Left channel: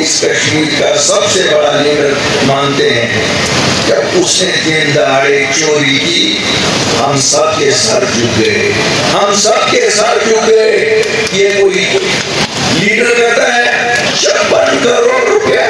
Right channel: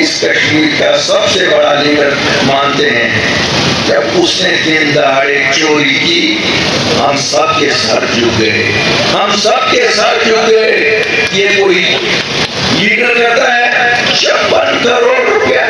اس کشمیر کا سب سے بڑا لیڈر مانتے ہیں. جب اس نے دن دہاڑے چوری کی ہم سب کے سر جھک گئے, ہم سب کے سر جھک گئے. یہ کوئی لیڈر کرتا ہے 56 کروڑ روپیہ,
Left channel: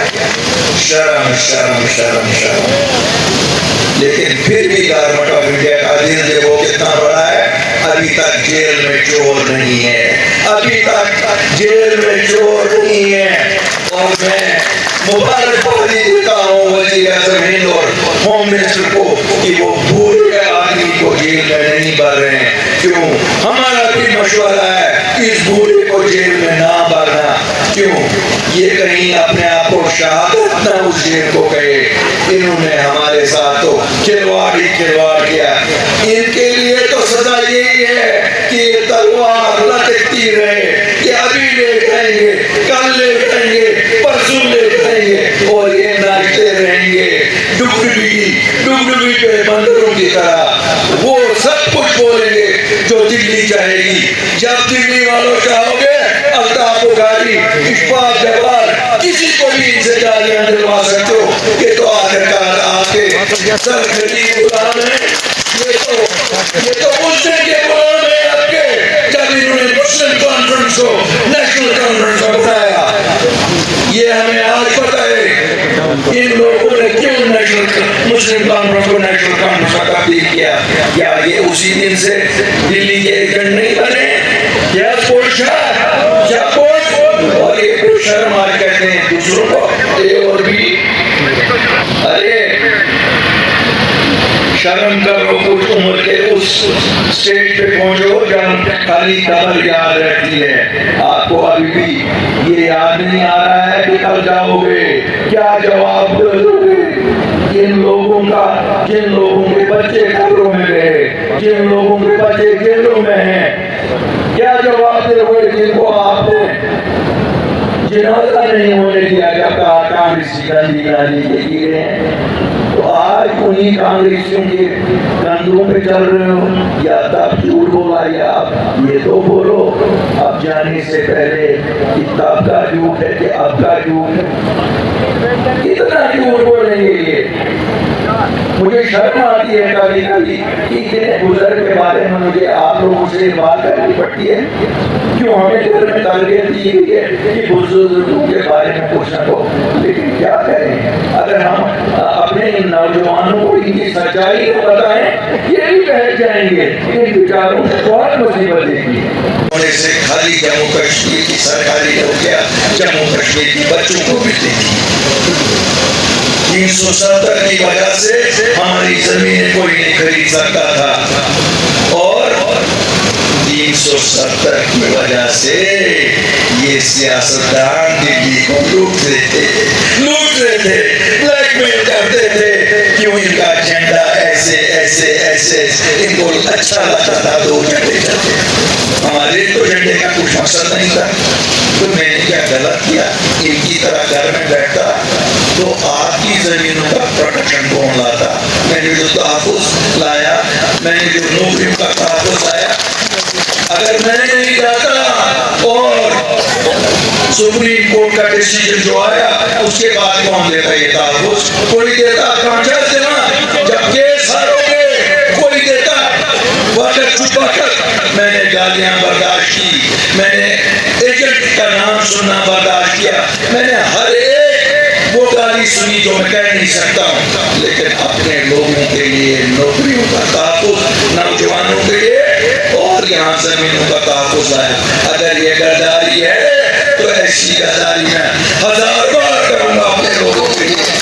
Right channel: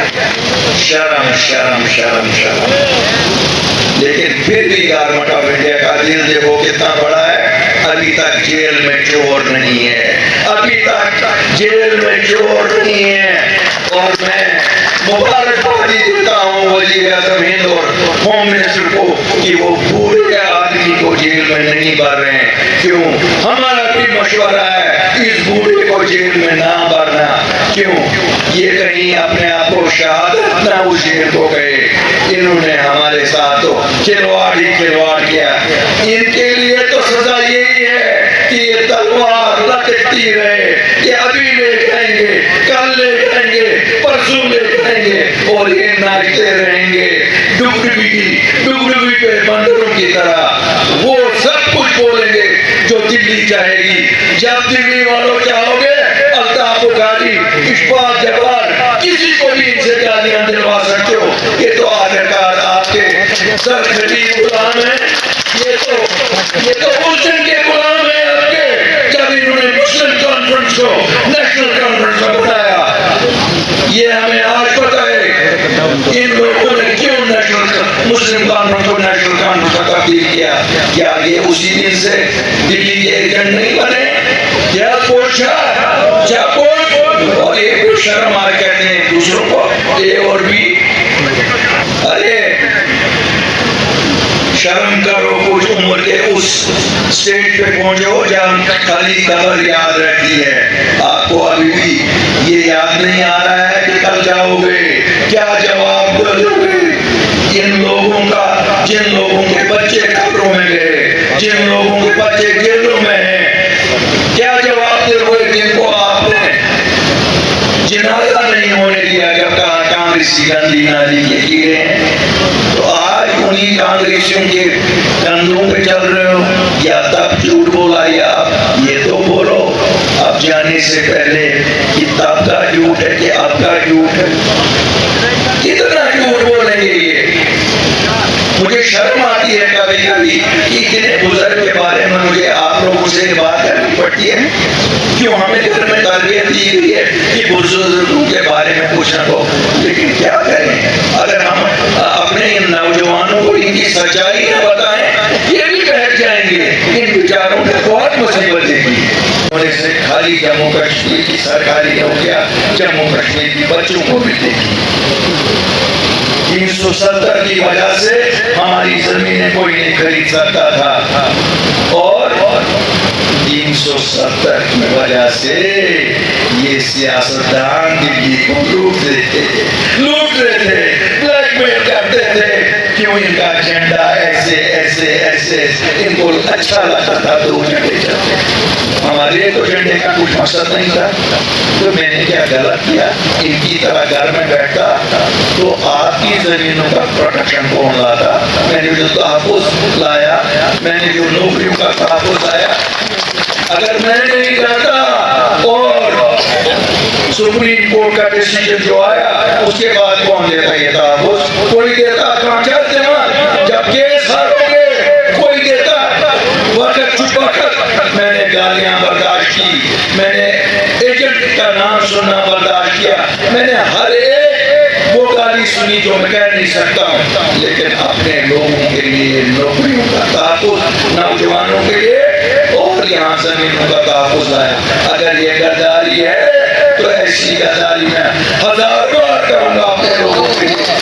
شرم شرم شرم شرم. لیکن پھر بھی گورنمنٹ آف انڈیا کا دل دیکھو کتنا بڑا ہے, ابھی تک جیل میں چور نہیں ہے, ابھی تک جیل میں چور نہیں ہے. اور میں مبارکبادی دیتا ہوں وزیر اعظم ہند اور ہوم منسٹر کو کہ وہ پورے آدمی کو جیل میں نہیں بھر رہے ہیں. کیوں؟ ہمارا بھی مشورہ ہے اس بوڑھے کو جیل میں نہ بھرنا. کیوں؟ یہ کہیں اپنے آپ کو شہادت نہ اس جیل کو کہے. انہوں نے ہمارے ساتھ تو کھلواڑ ہی کھلواڑ کیا. ان کے لیے تو سزا یہی ہے کہ یہ تلوار لٹکتی رہے کہ ابھی لے جائیں گے, کل لے جائیں گے, پرسوں لے جائیں گے, اور یہ ناچتے رہیں گے ڈگڈگی پہ بندروں کی طرح. وہ سب کچھ بولیں گے جو دلی چاہے گی. جب دلی والوں چاہو گے الطاف بخاری, اشفاق جبار, کسی کو بھی ان سے گالیاں دلوا سکتے ہو. یہ تو آخرکار آپ کے سرخرید غلام ہیں. یہ تو مسلم کے غلام ہیں آپ کے. جب انہوں نے مسلم کانفرنس کو نیشنل کانفرنس کو بنایا, یہ ہمیں آج پتا ہے ان لوگوں نے کیوں مسلم کانفرنس کو نیشنل کانفرنس کا تبدیل کیا. کیا یہ اسی دن سے دلی کے ایجنٹ نہیں بنے؟ کیا پوچھا کیا پوچھ. اور یہ شرم آج کہتے ہیں دوسروں کو اے اور بی. ارے شرم کرو, کچھ عمر کے اس سٹیج پہ پہنچو جب خالی قبر یاد رہتی ہے. آپ کو ابھی بھی یہ یاد نہیں آ رہا ہے کہ کل جاؤ گے کیا جواب دو گے. ان لوگوں کا, جن لوگوں کے بچے قبروں میں گئے, جن لوگوں کے بچے جیلوں میں ہیں, کیا جواب دے ہوئے جن کو آپ نے جنازہ نہیں ہونے دیا جب کہا کانگریسی گندی نالی کے کیڑے ہیں. تو آج انہی کانگریسیوں کے کندھوں پہ چل رہے ہو, یا تب جھوٹ بولا یا یہ تو بولو اب جانے سے پہلے کہ تب کا جھوٹ ہے کہ اب کا جھوٹ ہے. کتنا جھوٹ بولیں گے یہ. مجھے شرم آتی ہے کبھی کبھی کہ اتنے بزرگ کے بارے میں مجھے آپ لوگوں سے بات کرنی پڑتی ہے. کیوں ہمیں گھر میں تربیت دی گئی ہے کہ بزرگوں کے بارے میں پوچھنا ہو. لیکن کیا کریں, اگر ہم اپنے ان نوجوانوں کو ان کی سچائی نہ بتائیں یہ بھی بیٹھ جائیں گے. ان بیچاروں نے بہت مصیبت دیکھی ہے. سے خالی جموں کشمیر کی سرکاری نوکریاں جموں کشمیر کی بچوں کو بھی دیکھی. 370 کی وجہ سے ہماری زمینیں کوئی نہیں خرید سکتا تھا, اور 370 کی وجہ سے یہ سیاستدان دلی کو لوٹ رہے تھے, بلیک میل کرتے تھے. کیوں ان کا جھنڈا ایسے ایسے ایسے ان کو اچھا لگتا تھا تو جھنڈے چلتے. ہمارے تو جھنڈے کا کچھ مقصد نہیں تھا. تو میں نے کیا غلط کیا؟ ان کی طرح گھر میں بیٹھتا تو آپ کی زمینوں کا پروٹیکشن کون لاتا؟ میں نے جو تحفظ لایا, میں نے جو نوکریوں کا تحفظ لایا, اگر میں نہیں جاتا اور سپریم کورٹ کا ڈیسیجن جو آیا اس کے بعد کون دیتا یہ تحفظ؟ کوئی دیتا. کانچاس جمع جب کیس ہارو گے کوئی دیتا. وقت چپ وقت میں نے گالیاں برداشت کی, میں نے ایجنٹ کا نام سننا برداشت کیا, میں نے ہر ایک وہ گالی سنی جو میں کہہ نہیں سکتا ہوں. لیکن اپنے لوگوں کے لیے نوکریوں کا تحفظ, نوجوانوں کے لیے اور یہاں زمینوں کا تحفظ ہے. اگر یہ غداری ہے تو ایسی غداری میں 1000 بار کروں گا اپنے لوگوں کے لیے.